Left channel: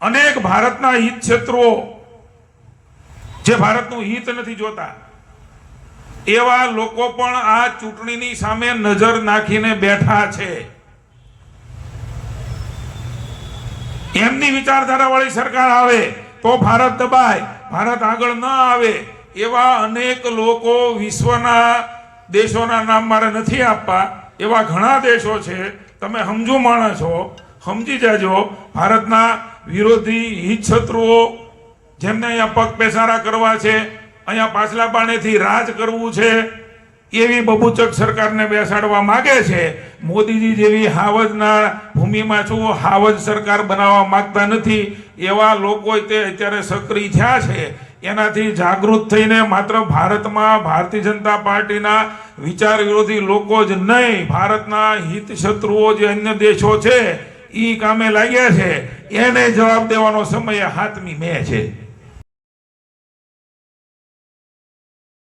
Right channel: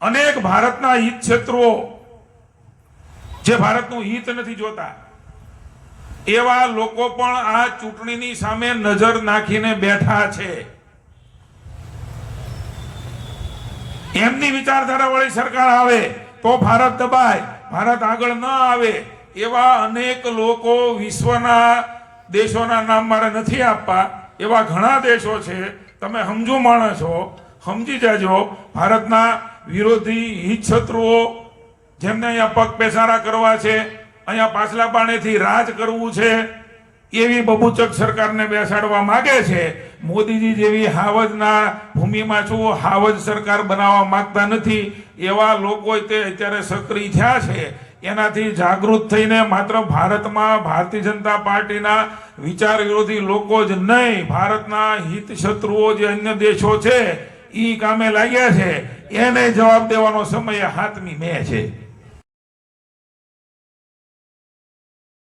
અનેક ભારતના હિત ક્ષેત્રો જે ભારતનું હિત નથી જોતા, એવા લોકો પણ આ ચૂંટણીની સામે નજર નાખીને બેઠા છે. એમની વિચારધારા વાળી સરકાર આવે તો ભારત દબાય, ભારત આગળ ન આવે, એવા અનેક લોકો વિશ્વના દેશોના નામ મારે નથી આપવા, એવા ઘણા દેશો છે. તમે સમજુ માણસ છો સમજી જાજો, ભારતના વિરોધી હિત શત્રુઓ જેમને અહીંયા પગ પેસારા કરવા છે, અહીંયા પાછલા પાણેથી રાજ કરવું છે, એવી બબુચક સરકારને બેસાડવા માગે છે. મોદીજી જેવી હાવજના ભૂમિમાં છું, હાવજ સરકાર બનાવવા માંગતા નથી. એવા લોકો તે અત્યારે સક્રિય થયા છે. એનાથી જાગૃત થઈને માત્ર ભારતમાં ભારતીય જનતા પાર્ટીના વિચાર વિરોધી લોકો જ નહીં, ભારતના હિત શત્રુઓ જે અન્ય દેશો છે ઈ કામે લાગ્યા છે એને જવાબ દેવાનો સમય હાથની મેં છે.